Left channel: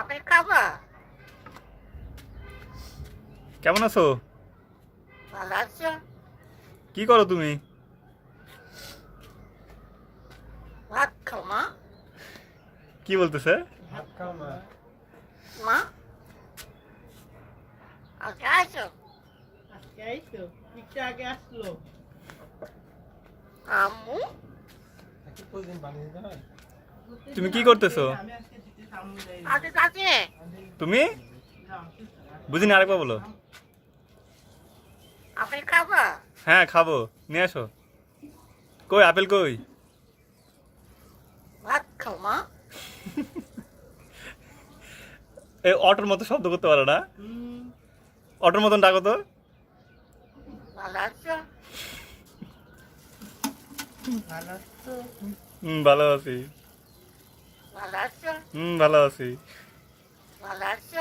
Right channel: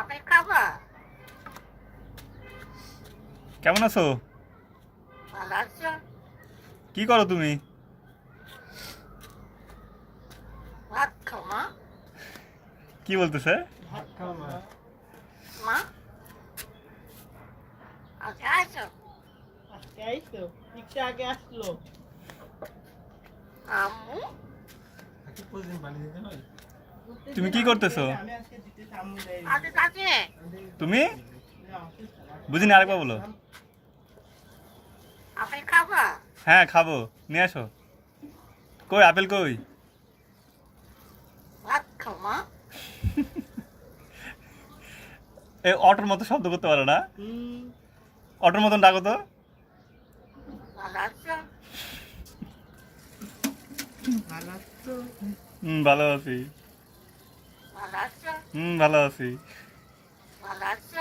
Apple খাবো? কেমন আছো? ভালো আছো? কি করো তুমি? ভাত খাও মা? কি বলতেছে? ভাত খাও মা। মা? আজকে আসো? আজকে আইছো? একটু আগে আসলো। আম্মু? তুমি কি করতেছো? আমি আজকে দিতেছি আম্মু দেয়। আজকে কাছে? তুমি না, বুঝিনি, আরেকবার বলো। আপেল খাবো? হ্যাঁ খাবো, নিয়ে আসো। কই আপেল কই? ভাত খাও মা? এই অটোর মতো শব্দ করতে পারো না? হুম, অটোর মতন ডাকো তো। ভালো আছো? ভালো আছো? ভালো আছি। ভালো আছো? ভালো আছি। ভালো আছো?